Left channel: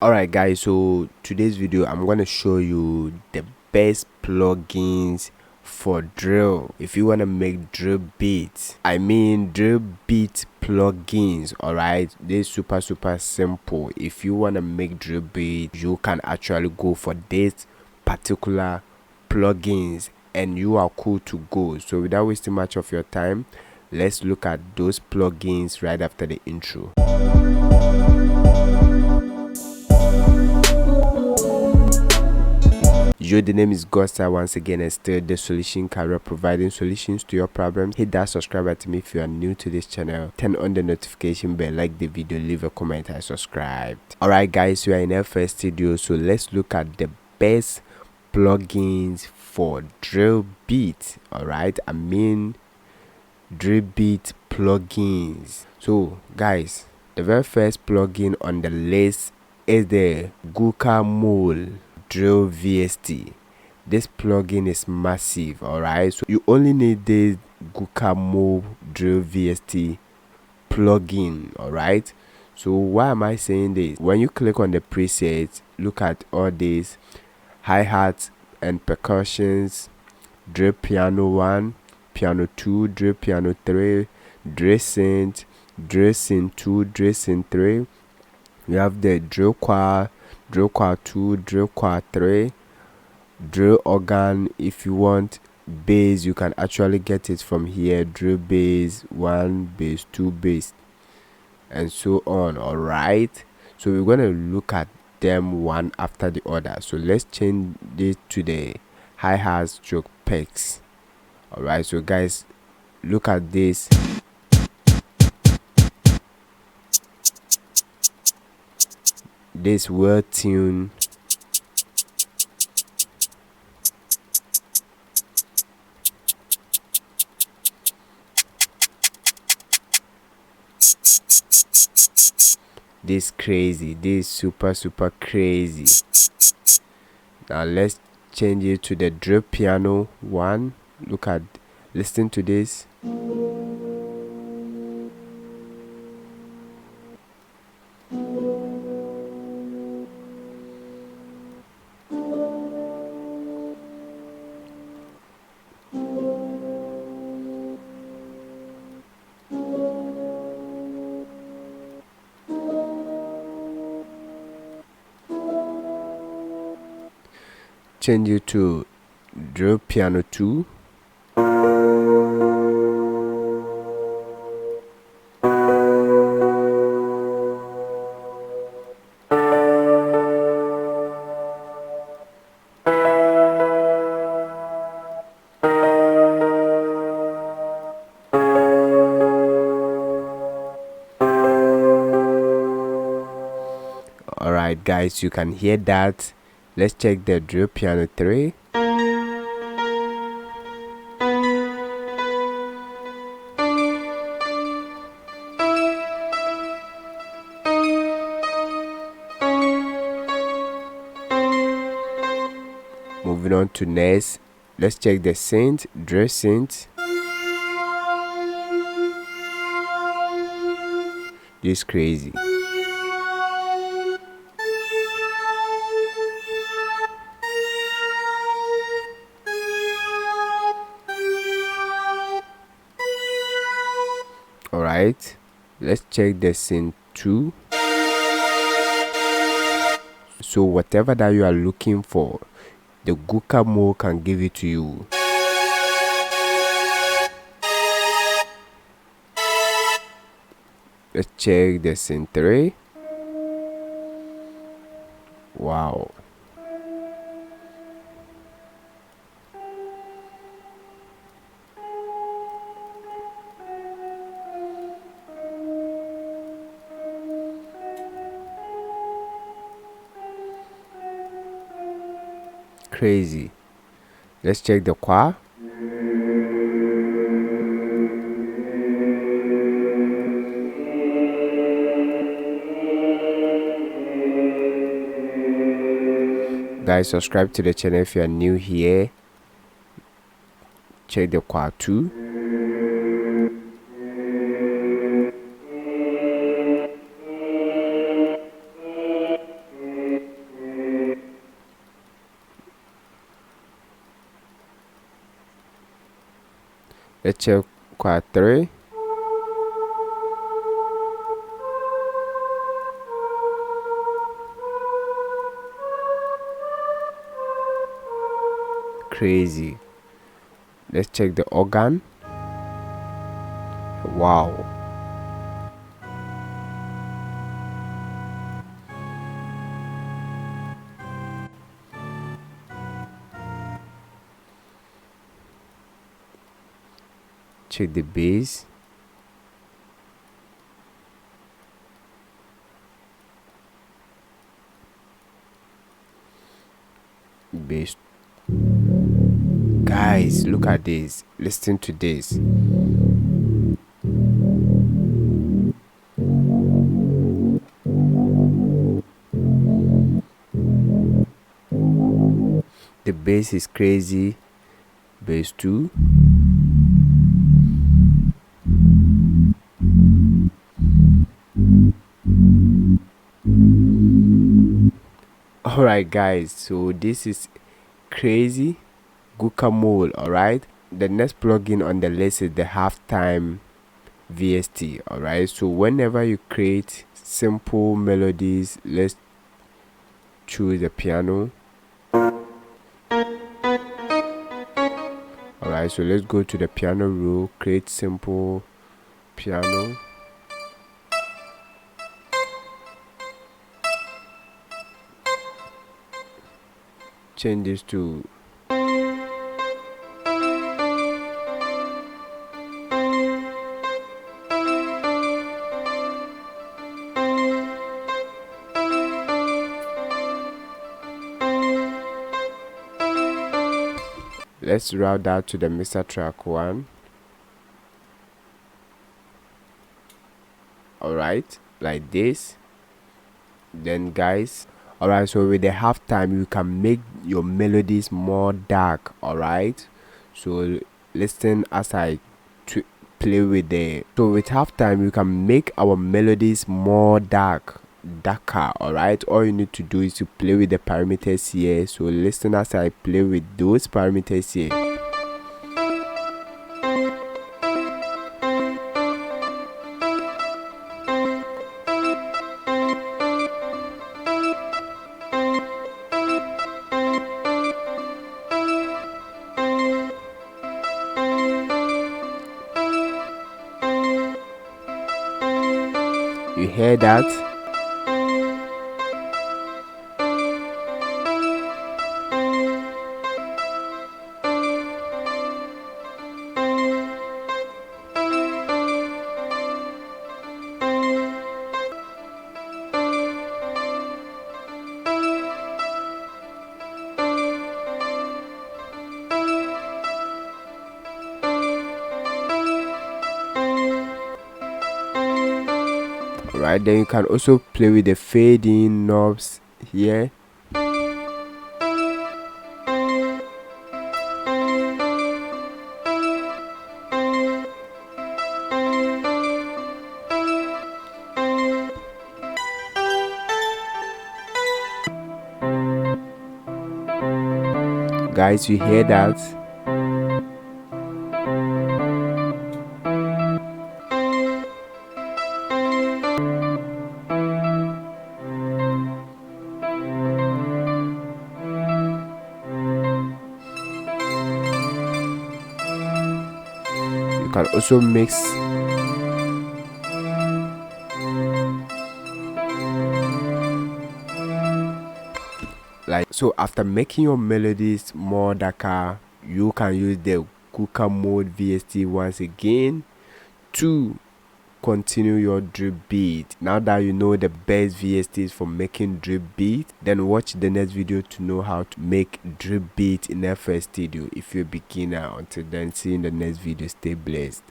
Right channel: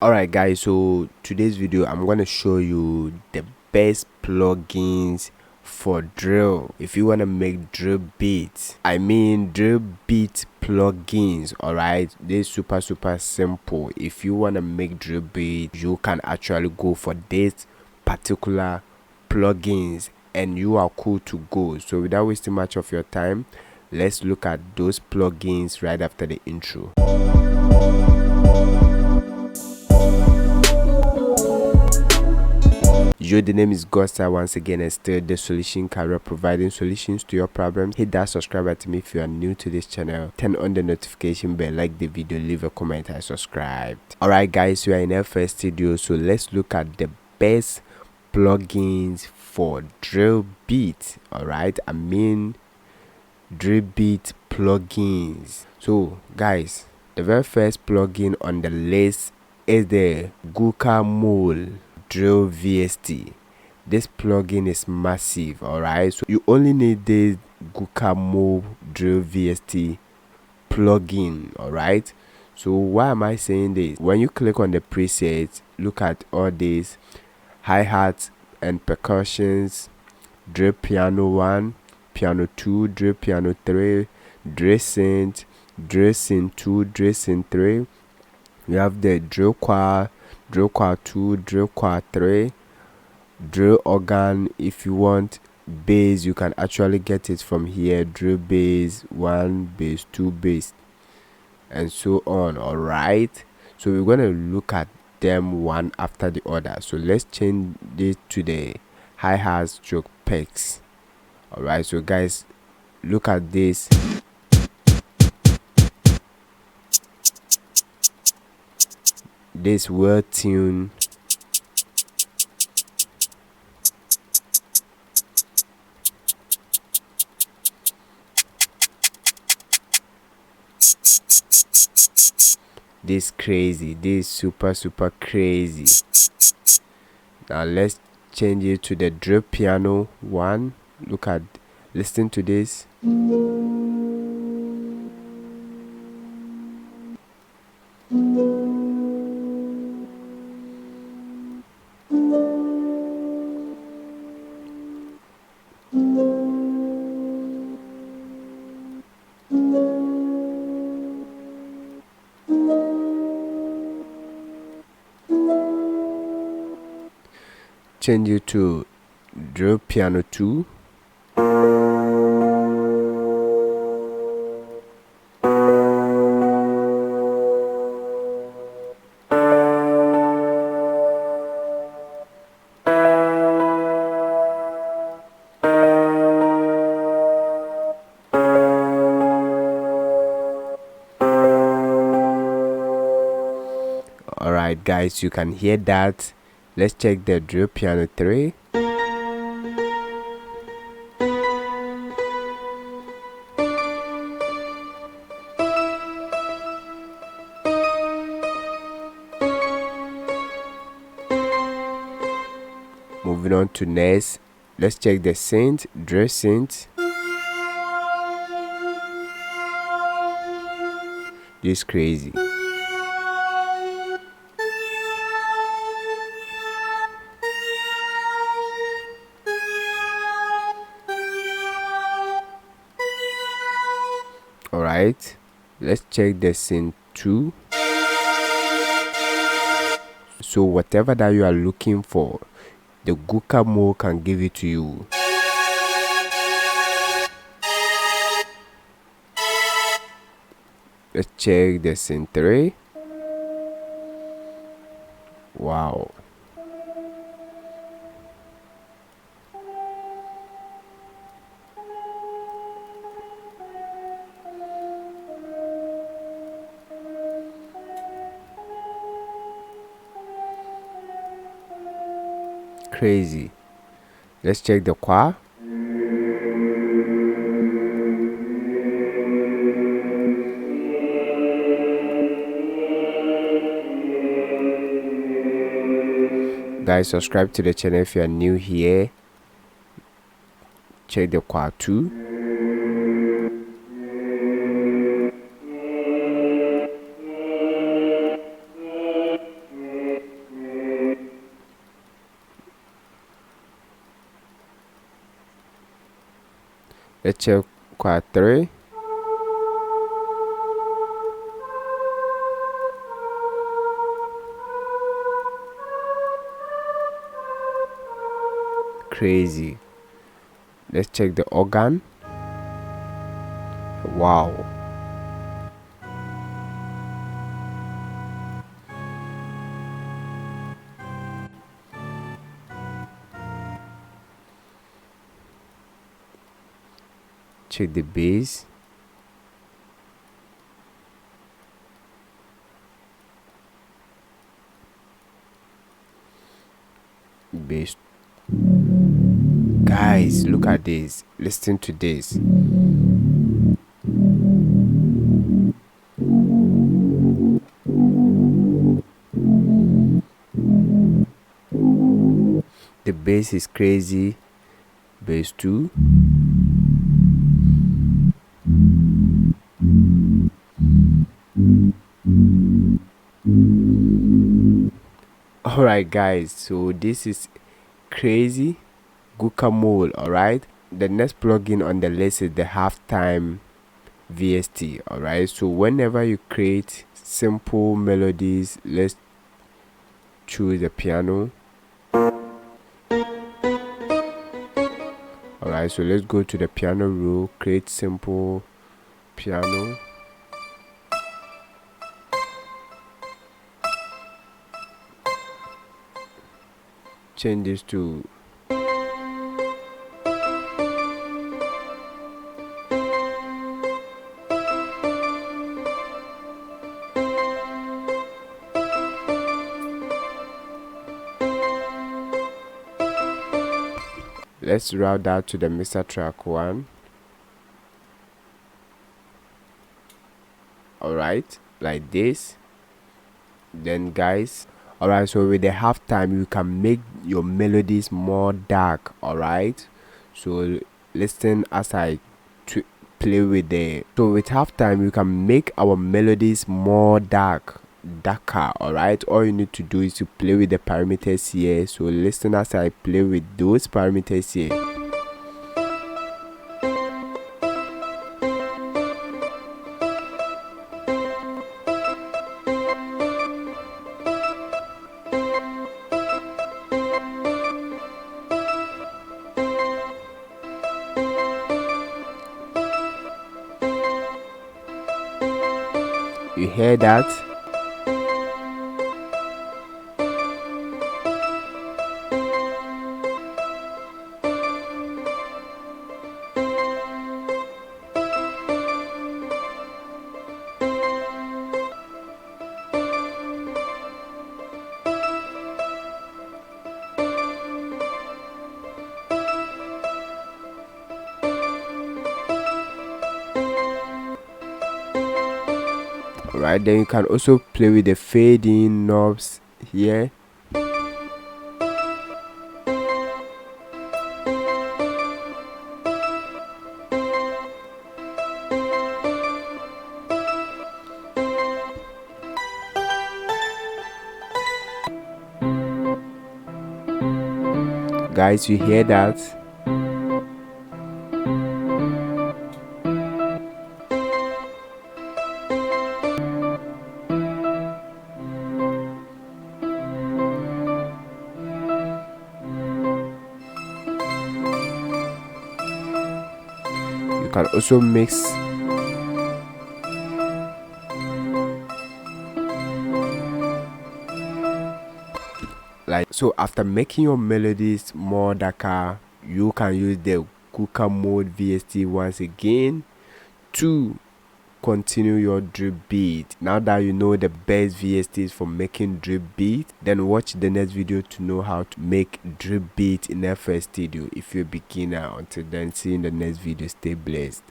Alright guys, so today's video I'm going to show you the best plugins for drill. If you want to make drill beats, drill beat plugins. Alright, they're super simple. If you want to make drill beat, you can actually go for this particular plugins and you are cool to go. So without wasting much of your time, let's look at those plugins right after the intro. Yo, the name is Gosta once again, and still the solution career, providing solutions to your problems. Hit that subscribe button if you are new to this channel. Turn on the notification bell, like the video, leave a comment, and subscribe. Alright guys, we are in our first video, so let's look at the best plugins for drill beat. Alright, drill beat plugins. So guys, the very first plugin on the list is the Guacamole Drill VST. This plugin is massive. Alright, so you only need the Guacamole Drill VST plugin. Alright, so why am I saying this? When you click on the presets, look at all these hi-hats and percussions, drill piano 1, piano 2, drill piano 3, drill synth 2, drill synth 3. We have the drill choir 2, drill choir 3, drill organ. If you want bass, you can actually get it from here. Drill bass 1, bass 2, bass, and so on. Alright, so we're gonna look at them one after the other. So let's change this to the hi-hat stroke picks. Alright, so guys, look at this. This well tuned this crazy, this super crazy. Now let's change it to the drill piano 1. Listen to this. Change it to drill piano 2. Alright guys, you can hear that. Let's check the drill piano 3. Moving on to next, let's check the synth, drill synth. This is crazy. Alright, let's check the synth 2. So whatever that you are looking for, the Guacamole can give it to you. Let's check the synth 3. Wow. Crazy. Let's check the choir. Guys, subscribe to the channel if you are new here. Check the choir too. Let's check quad 3. Crazy. Let's check the organ. Wow. Check the bass. Bass. Guys, look at this. Listen to this. The bass is crazy. Bass 2. Alright guys, so this is crazy guacamole. Alright, the next plugin on the list is the halftime VST. Alright, so whenever you create simple melodies, let's choose the piano. Alright, so let's go to the piano row, create simple piano. Change this to let's route that to the mixer track 1. Alright, like this. Then guys, alright, so with the halftime you can make your melodies more dark. Alright, so listen as I play with the with halftime you can make our melodies more darker. Alright, all you need to do is to play with the parameters here. So listen as I play with those parameters here. You hear that? Alright, then you can also play with the fading knobs here. Guys, you hear that? You can also mix like so. After making your melodies more darker, you can use the cooker mode VST once again to continue your drip beat. Now that you know the best VSTs for making drip beat, then watch the next video to know how to make drip beat in FL Studio if you're a beginner. Until then, see you in the next video. Stay blessed.